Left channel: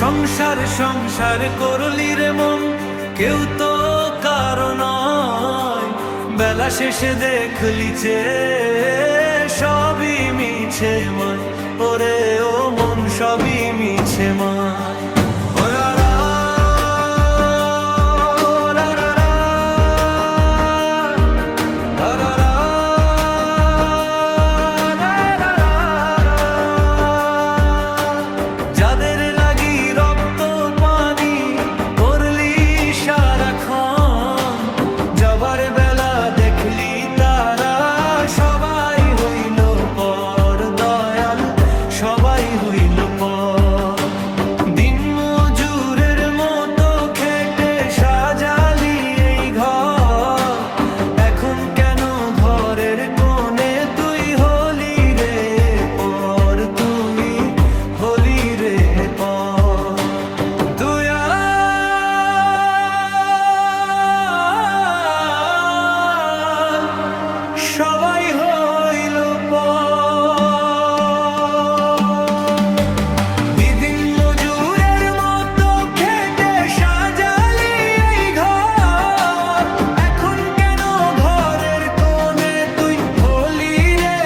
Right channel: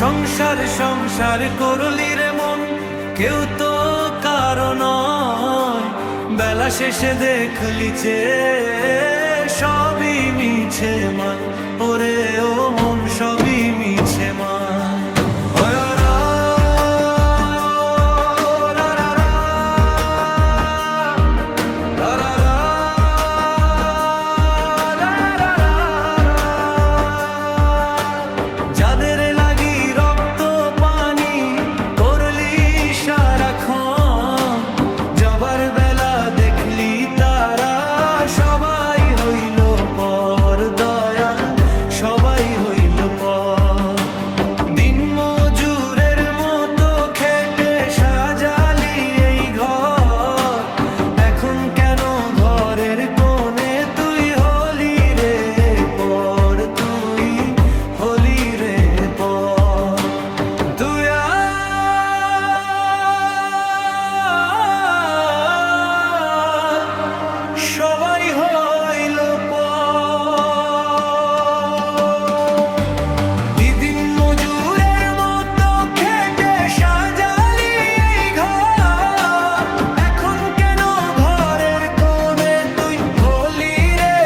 সংসার সংসার করলি রে মন, কেউ তো কারো নয়। বেলা শেষে দেখলি যে সবই মিছে মায়, ওরে ও মন সবই মিছে মায়। যাদের লাগি রক্ত পানি করলি সারাক্ষণ, যাবার বেলা দেখলি তারা সবাই হইল পর, দয়াল সবাই হইল পর। দিন মজুরের মতো খেটে সাজালি এই ঘর, এখন কেন ঘরের কোণে তুই হলি রে পর, তুই হলি রে পর। তুই সবাই হইল দিদিন মজুরের মতো খেটে সাজালি এই ঘর, এখন কেন ঘরের কোণে তুই হলি রে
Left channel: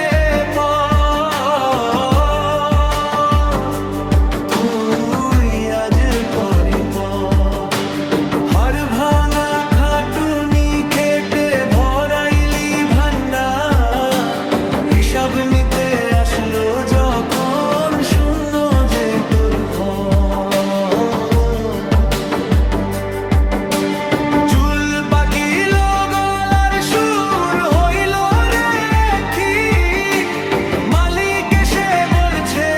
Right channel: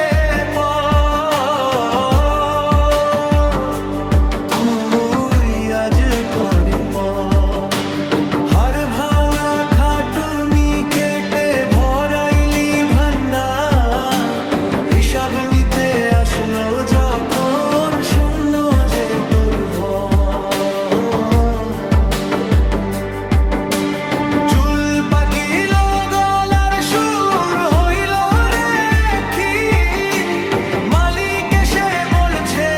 পর, তুই আজ পরি পর। হাড় ভাঙা খাটুনি খেটে ভরাইলি ভান্ডার, হিসাব নিতে আসলো যখন শূন্য যে তোর ঘর। চুল পাকিল গলার সুর হইল রে ক্ষীণ, মালিক এসে বলছে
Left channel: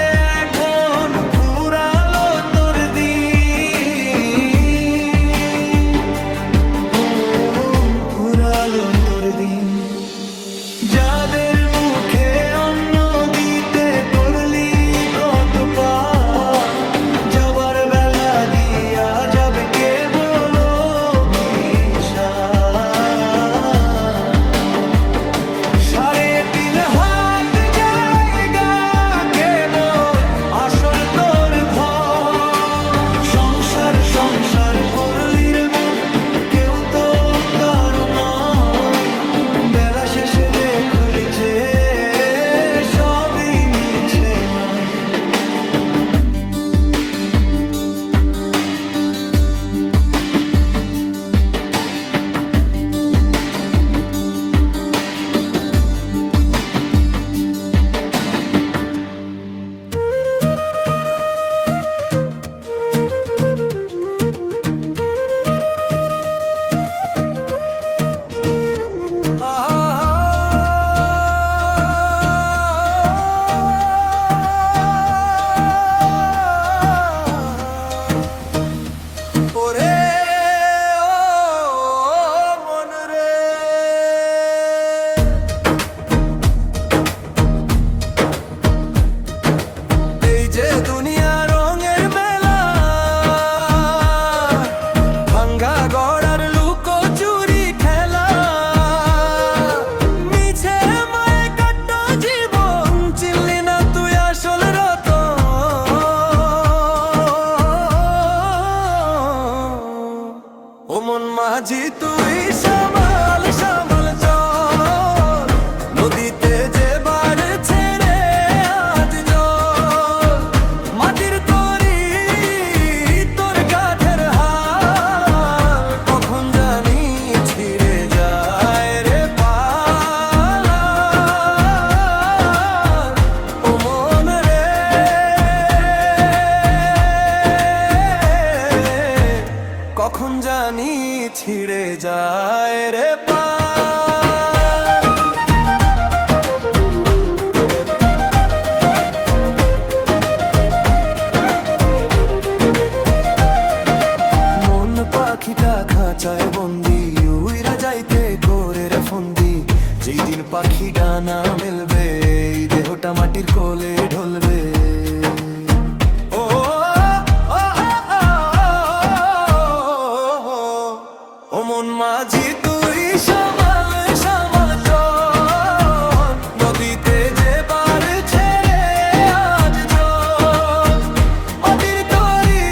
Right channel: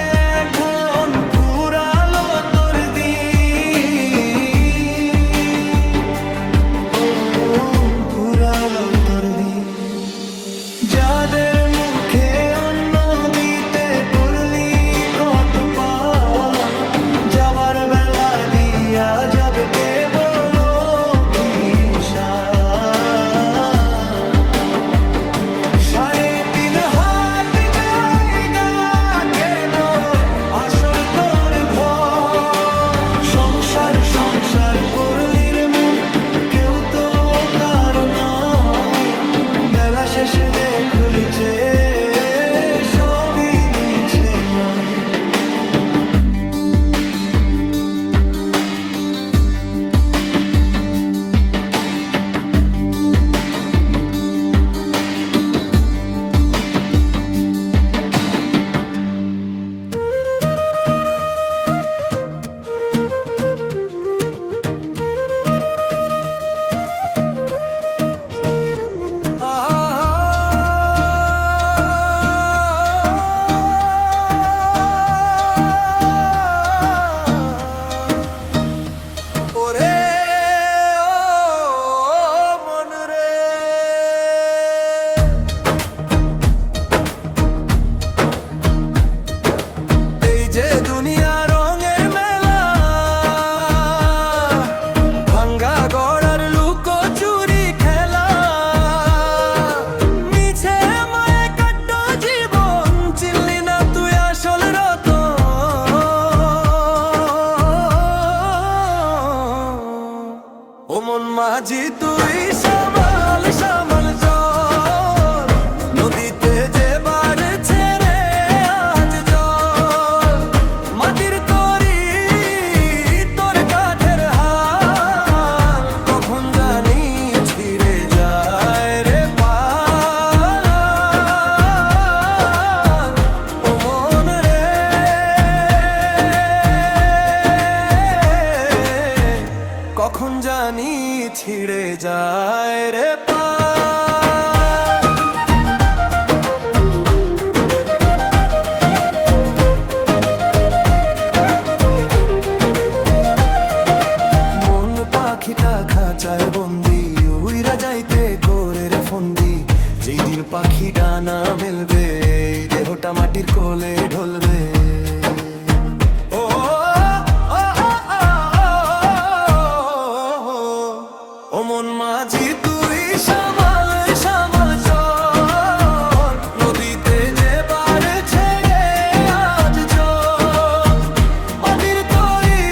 এখন ফুরালো তোর দিন, ও ফুরালো তোর দিন। যাদের মুখে অন্ন দিতে করলি কত পাপ, যাবার বেলা দিয়া যাবে কেবল অভিশাপ। 3.5 হাত জায়গা কেবল আসল তোর ঘর। সংসার সংসার করলি রে মন, কেউ তো কারো নয়। বেলা শেষে দেখলি যে সবই মিছে মায়। যে দুনিয়া রঙের মেলা, ভাঙ্গা গড়ার লুকোচুরি খেলা, মিছে মায়ে কাট্টো জীবন, চিনলি না তুই আসল রতন। ও মন মাঝি তুই সামাল সামাল চল, নদীতে যে বাড়ছে রে আজ জল। মাটির তরি তোর কাঠের হাল, কখন জানি ছিঁড়ে যায় রে পাল। ও মন রে কখন জানি ছিঁড়ে যায় রে পাল। পাখিটা খাঁচায় বন্দি, উইরা যাইতে করে রে ফন্দি। যেই দিন পাখি ডানা মেলবে, এই দেহটা মাটির কোলে ঢলবে। ও ও মন মাঝি তুই সামাল সামাল চল, নদীতে যে বাড়ছে রে আজ জল। মাটির তরি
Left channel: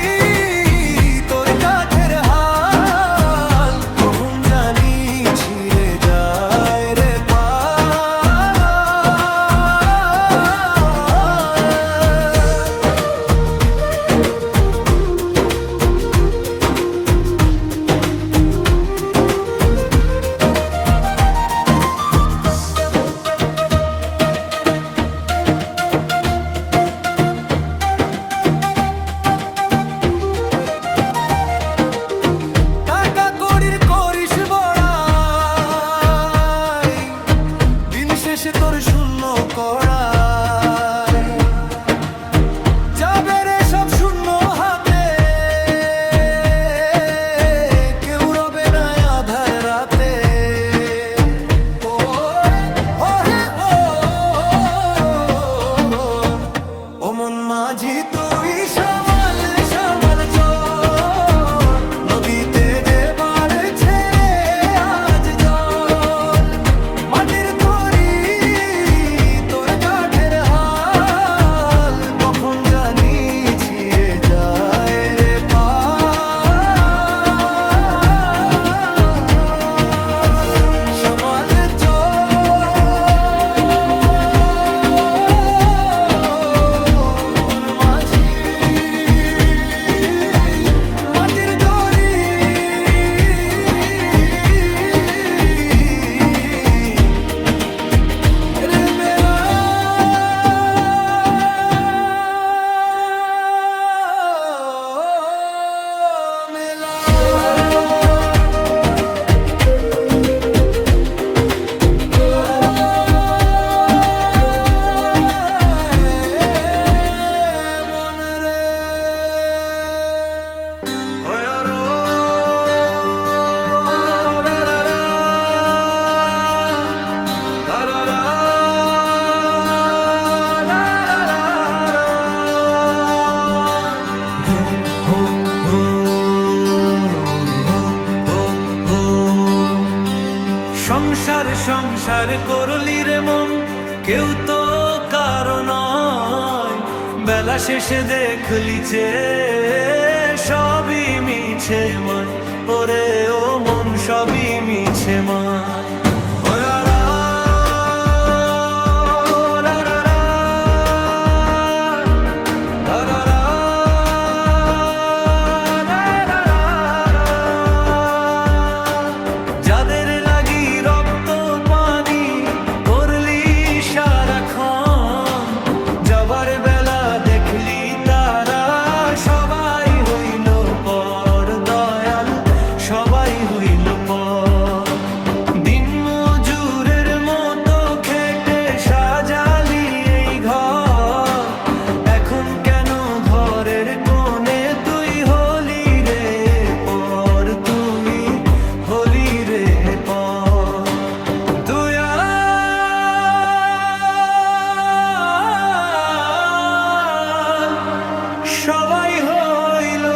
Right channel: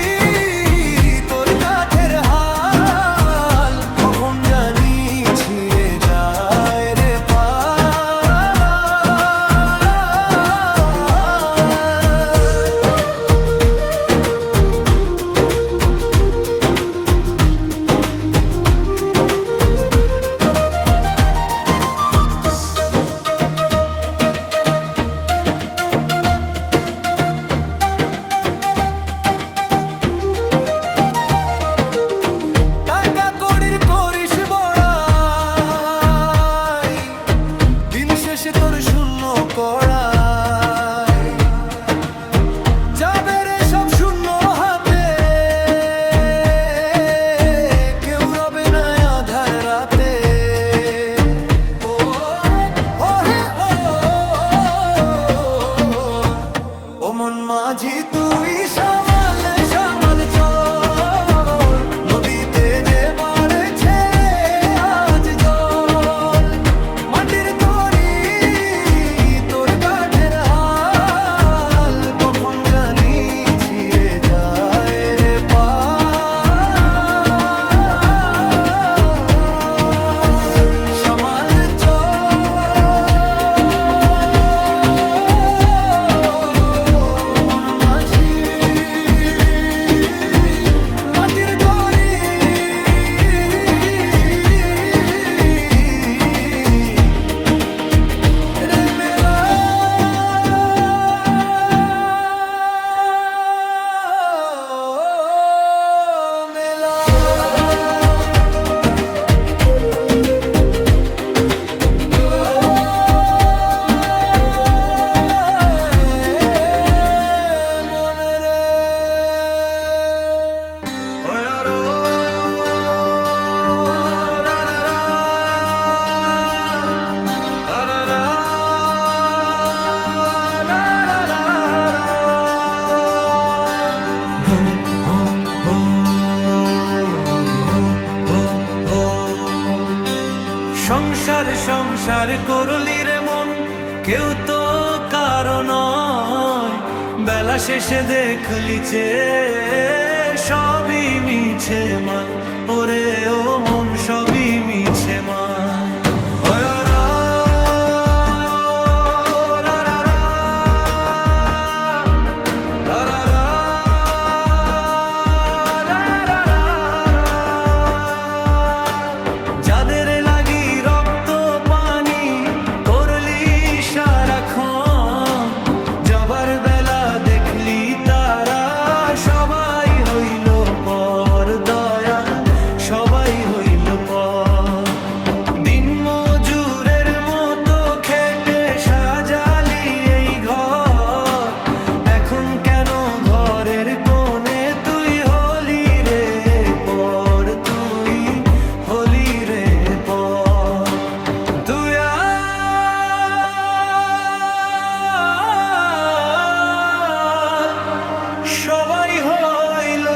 মন মাঝি তুই সামাল সামাল চল, নদীতে যে বাড়ছে রে আজ জল। মাটির তরি তোর কাঠের হাল, কখন জানি ছিঁড়ে যায় রে পা। সামাল সংসার সংসার করলি রে মন, কেউ তো কারো নয়। বেলা শেষে দেখলি যে সবই মিছে মায়, ওরে ও মন সবই মিছে মায়। যাদের লাগি রক্ত পানি করলি সারাক্ষণ, যাবার বেলা দেখলি তারা সবাই হইল পর দয়াল, সবাই হইল পর। দিন মজুরের মতো খেটে সাজালি এই ঘর, এখন কেন ঘরের কোণে তুই হলি রে পর, তুই হলি রে পর। তুই সবাই হইল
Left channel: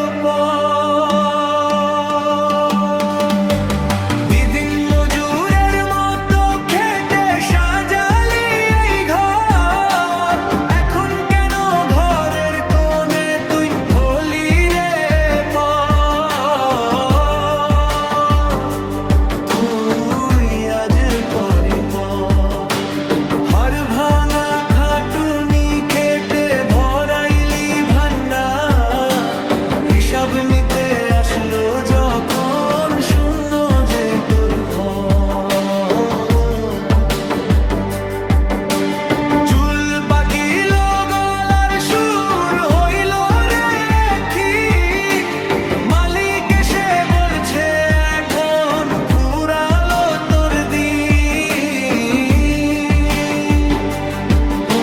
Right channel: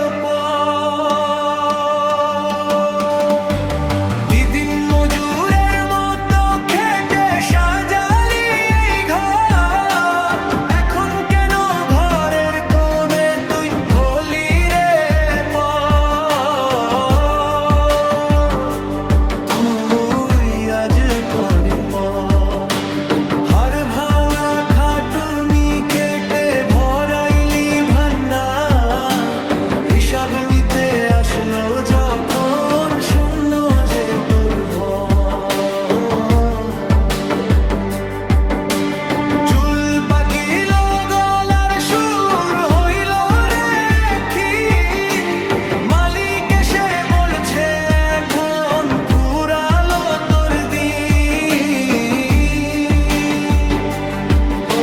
দিন মজুরের মতো খেটে সাজালি এই ঘর, এখন কেন ঘরের কোণে তুই হলি রে পর। তুই আজ পরি পর, হাড় ভাঙা খাটুনি খেটে ভরাইলি ভান্ডার। হিসাব নিতে আসলো যখন শূন্য যে তোর ঘর। চুল পাকিল গলার সুর হইল রে ক্ষীণ, মালিক এসে বলছে এখন পুরালো তোর দিন, ও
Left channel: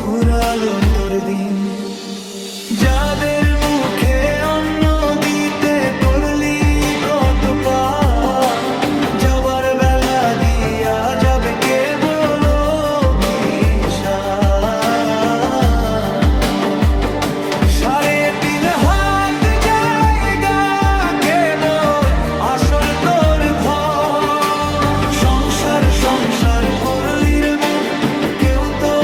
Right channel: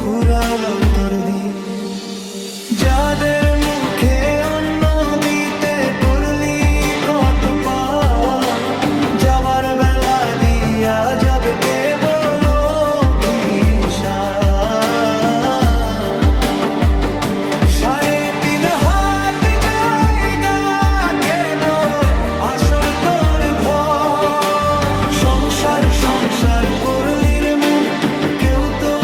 পুরালো তোর দিন। যাদের মুখে অন্ন দিতে করলি কত পাপ, যাবার বেলা দিয়া যাবে কে বলো তিন হাত জায়গা কেবল আসল তোর ঘর। সংসার সংসার করলি রে মন, কেউ তো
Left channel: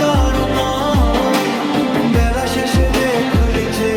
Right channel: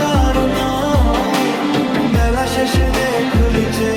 কারো নয়। বেলা শেষে দেখলি যে